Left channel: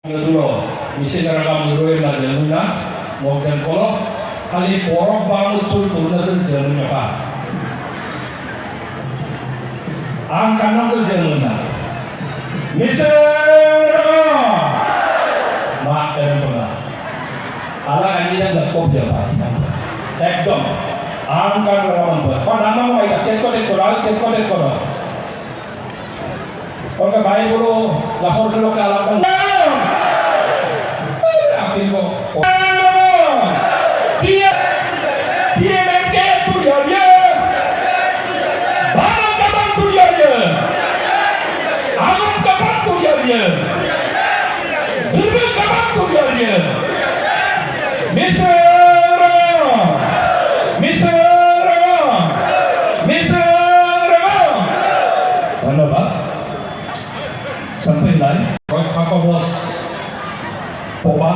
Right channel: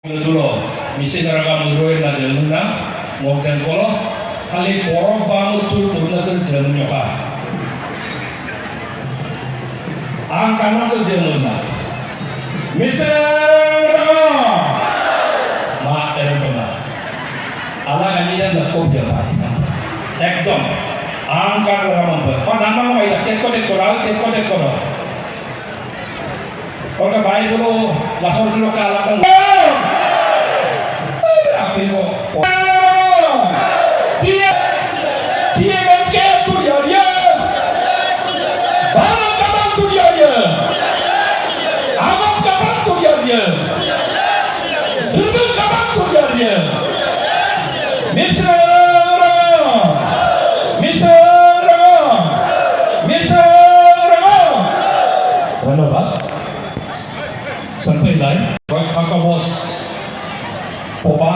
dulu misi karena menurut na jelmuna mau jengkolo kali porong bangun cul turun ke jelmunya pak angkana ke jelmuna misi mak erpona ala kami dah nak kop jalan ekdom angkana ramon ber pada nama apa itu teko orang baik dulu langsung dulu ke alam dia tu dia barang kapan tu dia alam kapan tu dia dunia kapan tu dia misal mana pak sampai lain kakak bos poba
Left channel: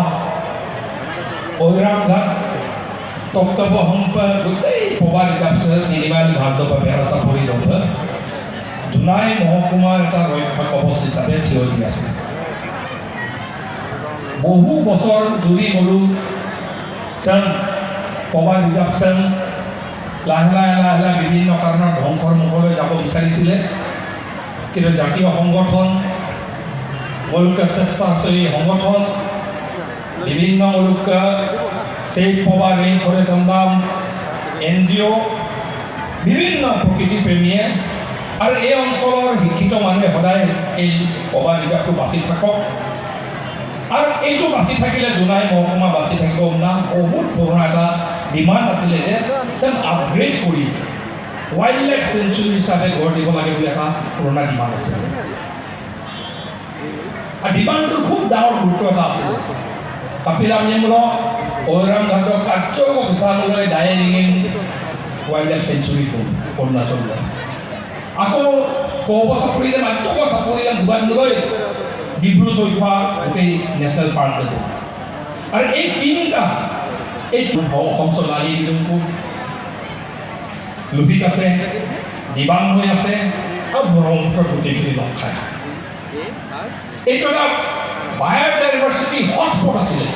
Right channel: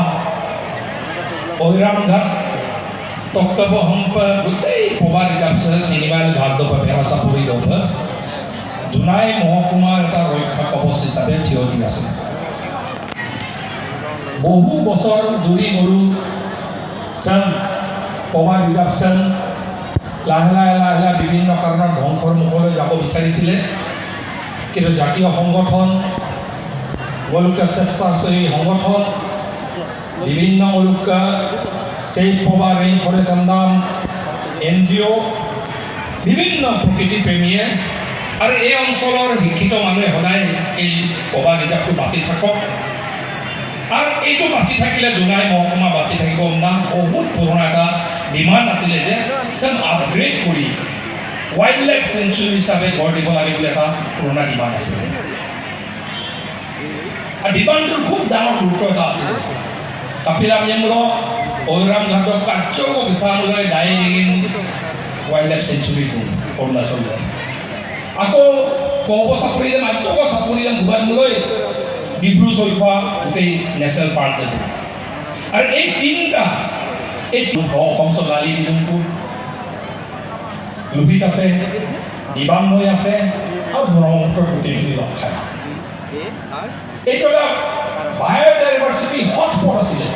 orang dah tokak bohongpa gede pobar japsel minimal bhanto pa berasa puri doba dunai mohkumar ta roikha kabos hisabe থিয় দি আছে বহু বছর ধৰি গৰু সং pobar japsel লাহে বিভিন্ন কাৰণৰ ধ্বংসৰ মুখলৈ যাব বিচাৰিছিলে কিন্তু জাতীয় সংগঠন গোলকা চেষ্টা সেই সংগঠন বিভিন্ন লোক সেই পোবার এই করে সন্ধান এনজিও বিভিন্ন প্রকৃতি প্রেমীয়ে আর এই অঞ্চলের শিক্ষিত মানুষ সদায় এই পোবার রিজার্ভটো বাঁচি থাকক আর এইটো বাঁচি থাকিলে দুনাই মহকুমা বাঁচি থাকিব নাম বহুত পুরোনো এটা ডিমান্ড আছিলে যে সেম আপগ্রেড কৰি ওয়াইল্ড লাইফ সেঞ্চুৰি হিসাবে গড় দিব লাগে বলে এটা পুৰোনো ডিমান্ড আছে আৰ ডিমান্ডটোৰ খুব ডাঙৰ গুৰুত্ব এটা আছে Kapilang yang mo orang gado kacau bisa mulai daya ingin wildlife sanctuary itu pernah coba. Aku kau sapuri dan aku sapuri dan bukan mulai di Blue Soifa di National Park itu. Ada tinta, bawa konsol lali di rumpu, lebih kasih di bangku ya se, kau burung terputih di belakang. Itu adalah biodiversity hotspot asile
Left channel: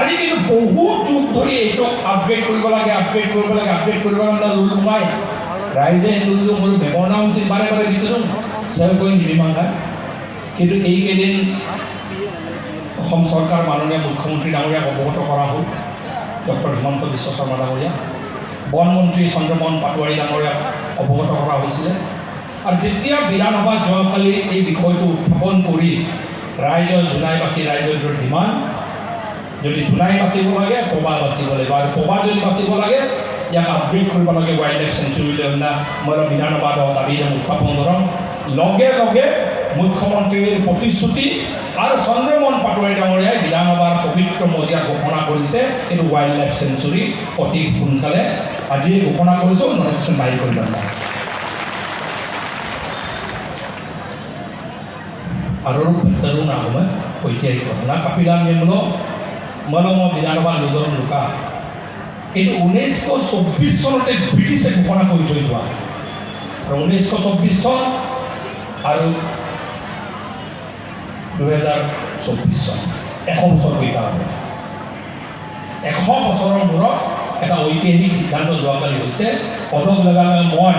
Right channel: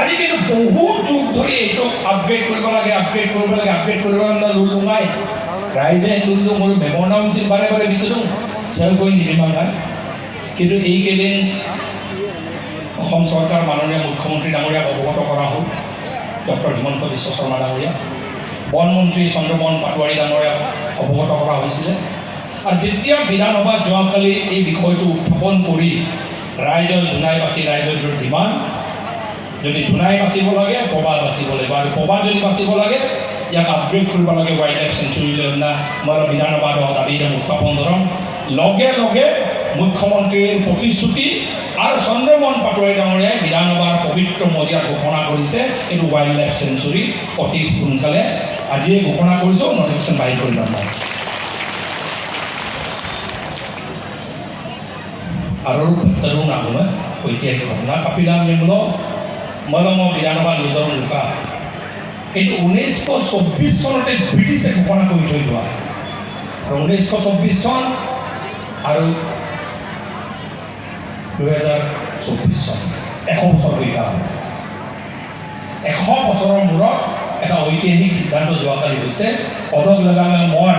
আজি কিন্তু বহুত যুগ ধৰি এইটো upgrade কৰিব লাগে upgrade না লুলু নাই ৰাইজে লুলু হ'ল ব্যৱনাম বাৰে বাৰে বিতৰণ চেল কৰি নিৰ্মাণ কিন্তু এইকেইদিন অসম চৰকাৰ মাননীয় মুখ্যমন্ত্ৰী ডাঙৰীয়াক অৱগত কৰা হ'ল ডক্টৰ হিমন্ত বিশ্ব শৰ্মা ডাঙৰীয়া বন মন্ত্ৰী চন্দ্ৰমোহন পাটোৱাৰী ডাঙৰীয়াক অৱগত কৰা হৈছিলে আৰু যেতিয়া বিধানসভা যোৱাকালি এই বিষয়টো উত্থাপন কৰি ৰাইজৰ জোনাইবাসী ৰাইজৰ ডিমাণ্ড যদি জোনাই বাচিব লাগে পবা বাচিব লাগে আৰু পবা যদি বাচিব লাগে ইয়াক আপগ্ৰেড কৰিব লাগে ৱাইল্ড লাইফ চেঞ্চুৰীলৈ না মই বিধানসভাত দাবী উত্থাপন ধৰণ লগে লগে মুখ্যমন্ত্ৰীৰ প্ৰতিশ্ৰুতি আৰু চন্দ্ৰমোহন পাটোৱাৰী ডাঙৰীয়াই বিধানসভাৰ পবিত্ৰ মজিয়া ঘোষণা কৰিছে এইটো ৱাইল্ড লাইফ চেঞ্চুৰী অতি সোনকালে আজিয়ে ঘোষণা কৰিছে নটিফিকেশ্যন জাৰি কৰি দিম আৰু পেট্টাৰো নাহলে ঐতিহাসিক ঘটনা কাপিলাম নেমলো মলম বিধানসভা নিৰ্ধাৰণ লোকা কিন্তু 1924 চনতে ব্ৰিটিছে ঘোষণা কৰি থৈ যোৱা আৰু 1924 চন আৰু 2024 চন 100 বছৰ হৈ গ'ল 100 বছৰৰ মূৰত এটা ঐতিহাসিক সিদ্ধান্ত যোৱাকালি হৈছে পদক লগামে মই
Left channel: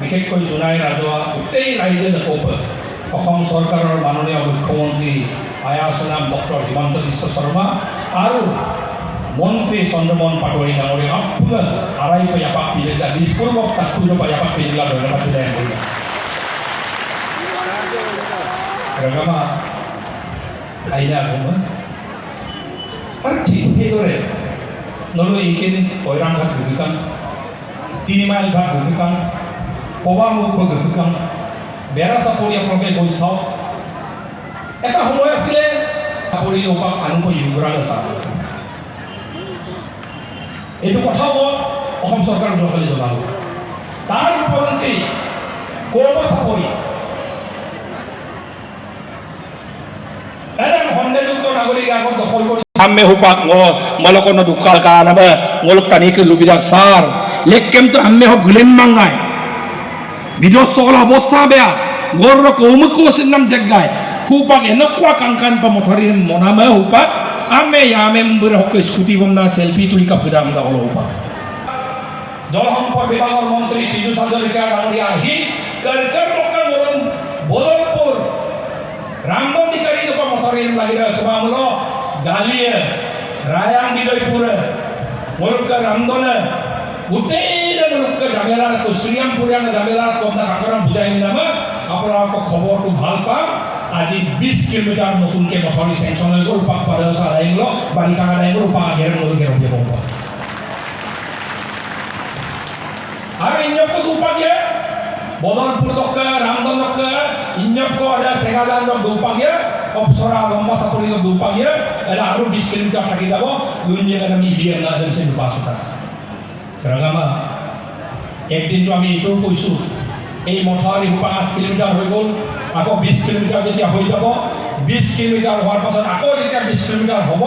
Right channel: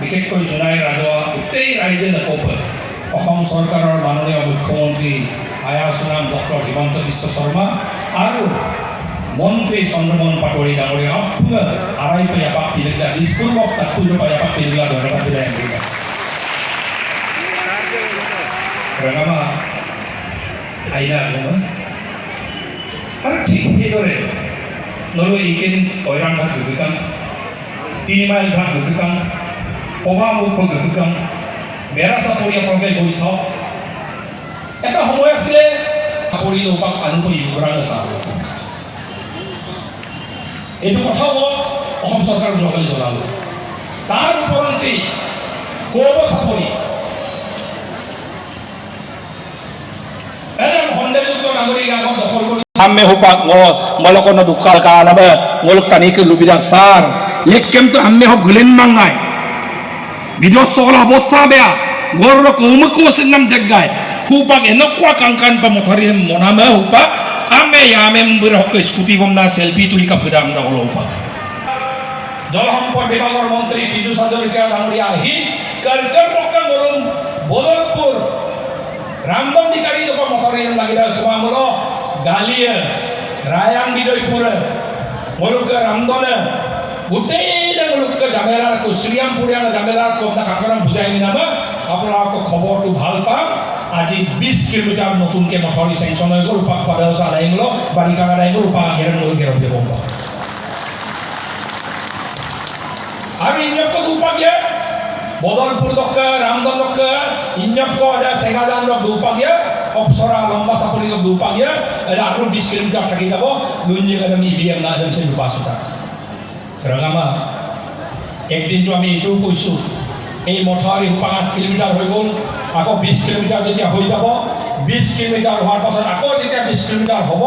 বিশেষকৈ জোনাই ৰাজহুৱা গোটেই ৰাইজে নক'ব অসম চৰকাৰৰ মাননীয় মুখ্যমন্ত্ৰী আয়াসনাম ডক্টৰ হিমন্ত বিশ্ব শৰ্মা আৰু মন্ত্ৰী চন্দ্ৰমোহন পাটোৱাৰী ডাঙৰীয়া আড়াই পায়া পাপিলিকা নিষ্পূৰ্বক তাৎপূৰ্য পায়া পাপিলিকা ধন্যবাদ দিলে ৰঙামা আহিলা আৰু ঠিক সেইদৰে নলু এইকেইদিন কৈৰাণ ঘাট ঘুকিকান 3 মাইল ঘাট ঘুকিকান পবামুখ ঘুকিকান বেৰা চাপৰিয়া প্ৰৱে গৈ চাওঁ এটা সময় আছিলে চাপৰি ওপাক আনকৈ ইউগ্ৰাণ চাওঁ এইটো কথাও অসম চৰকাৰ যোৱাকালি জনাব তাৰ উপৰঞ্চি কৌব চাপৰি এনে সন্দেহযুক্ত নাগৰিক আগত দখল কৰি আম্মে হুপাক মলকনো দুকাল কানাবে মলক তানিকে লুবিদার সার লেট কেমতো আম্মে হক গুলেন মাঙ্গায় বিধ্বস্ত হল অবস্থা বেয়া গর্ব কৌমুক নাম দেখায় hupak enokwa kangkan pamotari monama hupak ame yame mbirahok scooty বমনা সেলফি তুলি কাপড়া আমরা হলো hupak জলসম্পদ বিভাগৰ মন্ত্ৰী পীযুষ হাজৰিকা ডাঙৰীয়া আহি কাৰ্যপক্ষে বলুম বদলপুৰ ৰামদণ্ডিকাৰী লোক মথাৰি লাগিলে তোমামূল গালিয়ে ৰায়াং বিজয়পুৰ মুলুক ৰামদনে গোটেই মুলুক জামেলাৰ শ্ৰীৰামপুৰীয়া জামেলাৰ কমনা কাকৰাম বুজাই নিনামা আপোনালোকক খবৰটো ভাল পাম আজি 20 কিলোমিটাৰ নতুনকে মথাৰি চেংচন হৈ গ'ল পাক পাৰসা লাইনলো বাৰিকা লাইনলো পা গেৰমলকে ৰব আর ইন্যক দুপাগে বদলপুর দক্কা রামদন দক্কা ইন্যক ada সেগাজান দুপাগে অপসরা লম্বা সাপরি দুপাগে এরা আরো 20 কিলোমিটার থাকি যাব লুইনে আমি ইবিএম না হেমছে দুপাসটা রাগামা একদিন তো আমি এটাও কইছো এই মথাৰি 5 কিলোমিটাৰ হৈ গ'ল আকৌ 20 কিলোমিটাৰ যেতিয়া হৈ যাব 20 কিলোমিটাৰ হোৱাৰ পাছত আকৌ যেতিয়া 20 কিলোমিটাৰ হ'ব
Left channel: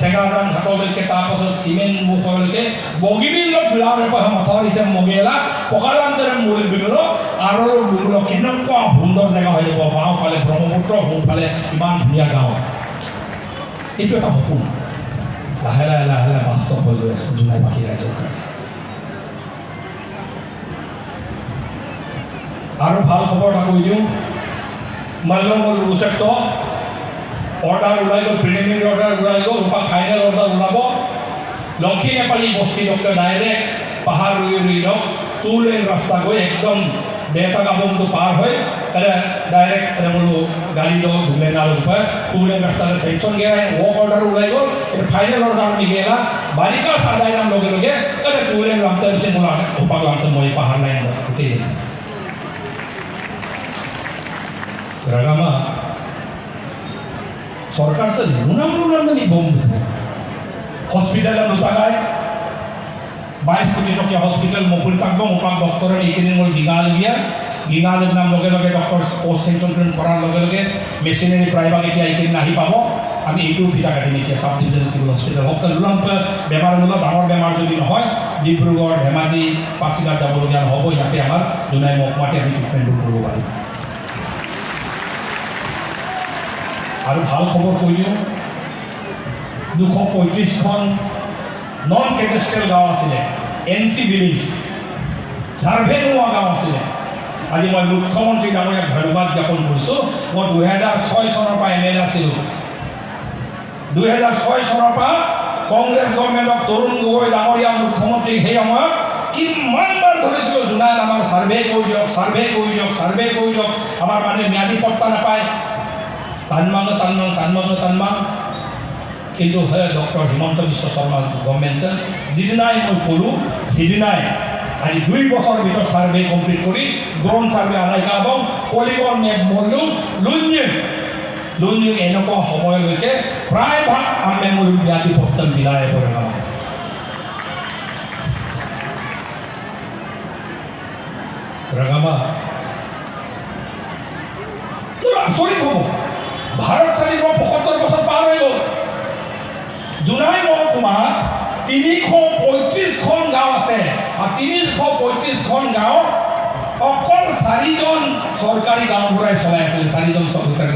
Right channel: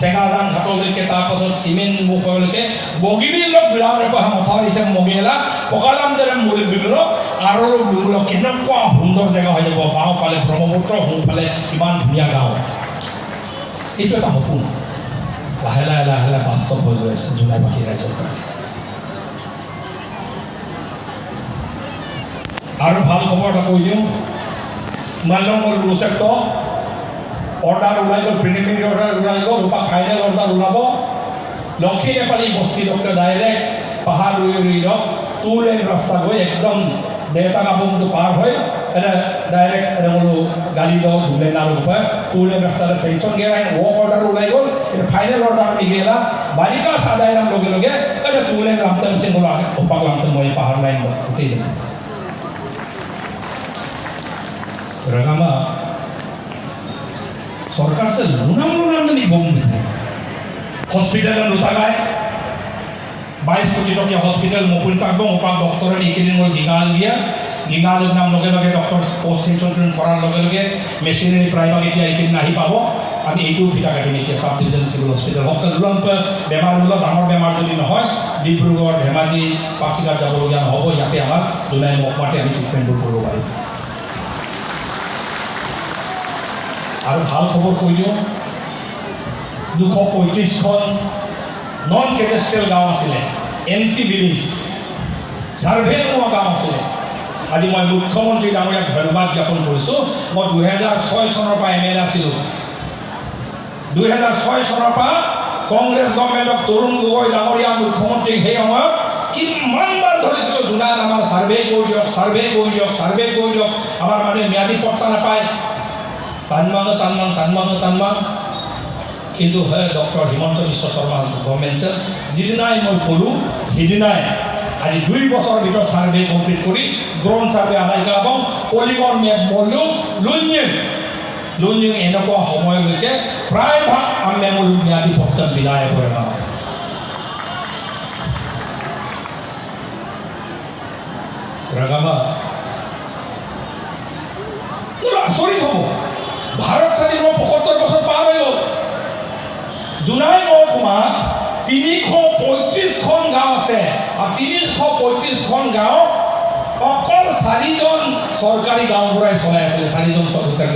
সেগাজান ঘাটলৈকে তাৰ পাছত সিমেন্ট মুখলৈকে বগিবিল বিলাৰ পৰা মথাৰি সে মগিলা পকালান্দৰে মূল বিল আৰু বিল কেনেকুৱা সুন্দৰ জেগা হৈ যাব বাওঁফালে ব্ৰহ্মপুত্ৰ সোঁফালে ইমান ধুনীয়া গাঁও এইটো এটা সপোন লাহে লাহে লাহে লাহে বাস্তৱ হৈ গৈ আছে জোনাইবাসী ৰাইজৰ আৰু ভাল খবৰ এটা কৈ দিওঁ মাল্যমল গুৰুচেক্ট অৰ্ডাৰ ওলাই গ'ল প্ৰিলিমিনাৰী অৰ্ডাৰ ওলাই গ'ল ফাইনেল অৰ্ডাৰ ওলাব লক্ষী নেপালী বস্তি ডক্টৰ ডাইৰেক্ট পাহাৰ ৰুই লওক 2 লেন ৰাস্তা গৈ একদম দেউতা গাবংটো পাৰ হৈ এটা ডাইৰেক্ট এটা বোলো গাড়ী লওক 2 লেন আৰু 2 লেন ৰাস্তাৰে চেংচন গেলাই ৱৰ্ক অৰ্ডাৰ ওলাই গ'ল ফাইনেল অৰ্ডাৰ আমি গেলা বাৰিকা সাধাৰণ লগে লগে এটা 2 লেন লামটা হৈছে বোলো উপাক লামটা মই পাহাৰ লাইন গোটেই রাগামা সরকার সে লুনাম নি বম হসপিটাল লুতাগায় 22 কোটি টকা হসপিটাল মকুল কাগব উপাক ডক্টর এইখিনি মই গিঙাল দিয়া গিঙাল নাম লগে লগে ডক্টর পোস্ট সেন্ট্রেল কৰাৰ লগে লগে মেচিনাৰী প্ৰায়ভাগ এতিয়া এইখিনি নাহি পাব আমি এইটো ভিটা কাটিম এতিয়া সাব ডিভিজন সিভিল হসপিটাল অকল লুম্প বেমাৰগুলো ডাঙৰ বেমাৰ যদি নহয় ডিব্ৰুগড় ধেমাজি পাছিঘাট যাবলগীয়া নহ'ব ইয়াতে আমাৰ দুলাই মহমাতে আমি ট্ৰিটমেণ্ট কৰিব পাৰিম আৰু ভাল খবৰ কৈ দিওঁ 235খন নন কেটেষ্ট্ৰিয়েল গাঁও আছিলে এনচি ভিলেজ সাৰ্ভে নোহোৱা গাঁও আছিলে আজি মই মুখ্যমন্ত্ৰী ডাঙৰীয়াক ধন্যবাদ জ্ঞাপন কৰিছোঁ মই 2006 চনৰ পৰা এমএলএ আছিলোঁ 2006 চনৰ পৰা কংগ্ৰেছ গভৰ্ণমেণ্টক তৰুণ গগৈ ডাঙৰীয়া মুখ্যমন্ত্ৰী সেই সময়ত কিমানবাৰ ধৰিছিলোঁ জোনাইত আমাৰ সাৰ্ভে কৰি দিয়ক আমাৰ মানে ম্যাদী পট্টা নাপায় তানমান কিন্তু হয় ডক্টৰ হিমন্ত বিশ্ব শৰ্মা গভৰ্ণমেণ্টে যিদিনাই মই ক'লোঁ সিদিনাই আজি 2 বছৰৰ ভিতৰত সাৰ্ভে কমপ্লিট কৰি ড্ৰোন সাৰ্ভে আলাই গাব পলিগন মেপ মৰিও লুঞ্জিং এনেকুৱা সময়লৈকে প্ৰায় ভাগ আমি মোৰ ম্যাদী পট্টা মিলাই পৰে ৰাগামা আচৰিত হ'ব ভাৰত স্বাধীন 75 বছৰ পাৰ হৈ গ'ল দুৰাই মহকুমা 335খন গাঁও আছে আৰু 335খন গাঁও অকল 4জন চৰকাৰী গাঁওবুঢ়াই চলাই আছিলে 4জন চৰকাৰী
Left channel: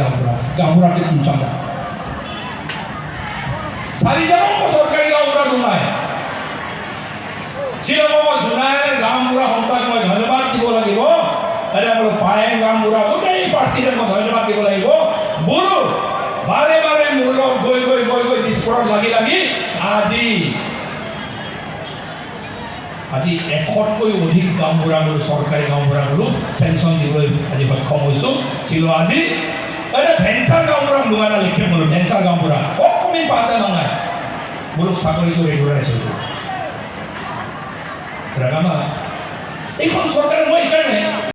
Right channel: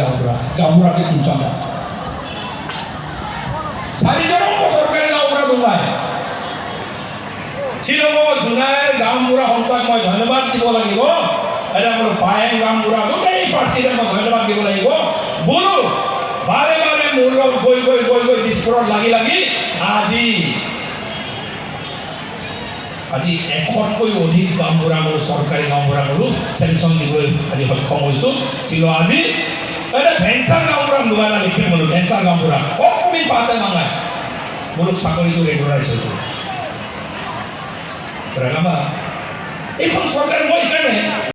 গাঁওবুঢ়াতে 3জন 4জনকো চৰকাৰী গাঁওবুঢ়া নোলায় শ্বিলঙৰ জোনাইৰ গাঁওবুঢ়া সকলক মই ধন্যবাদ দিব লাগিব এটা বোলো পায়ে গাঁওবুঢ়া গোটেই পাৰ্টিৰে মই ধন্যবাদ দিব লাগিব বোলো বাৰে বাৰে মোৰ লগ গৈ বিস্ফোৰণ লাগি আজি 100তকৈ অধিক গাঁওবুঢ়াবোৰ চৰকাৰী গাঁওবুঢ়াবোৰ চেংচন দিবলৈ আজি সক্ষম হৈছোঁ ছিল আজি এটা ভেঞ্চাৰ গাঁওবুঢ়া লোৱা লিখে বোলো ভেঞ্চাৰ গাঁওবুঢ়া অকণি পাতে মাঙাই বোলো চাকৰিটো ৰেগুলাৰাইজ হৈ গ'ল ৰাগামা এইখন চৰকাৰে মই সেইকাৰণে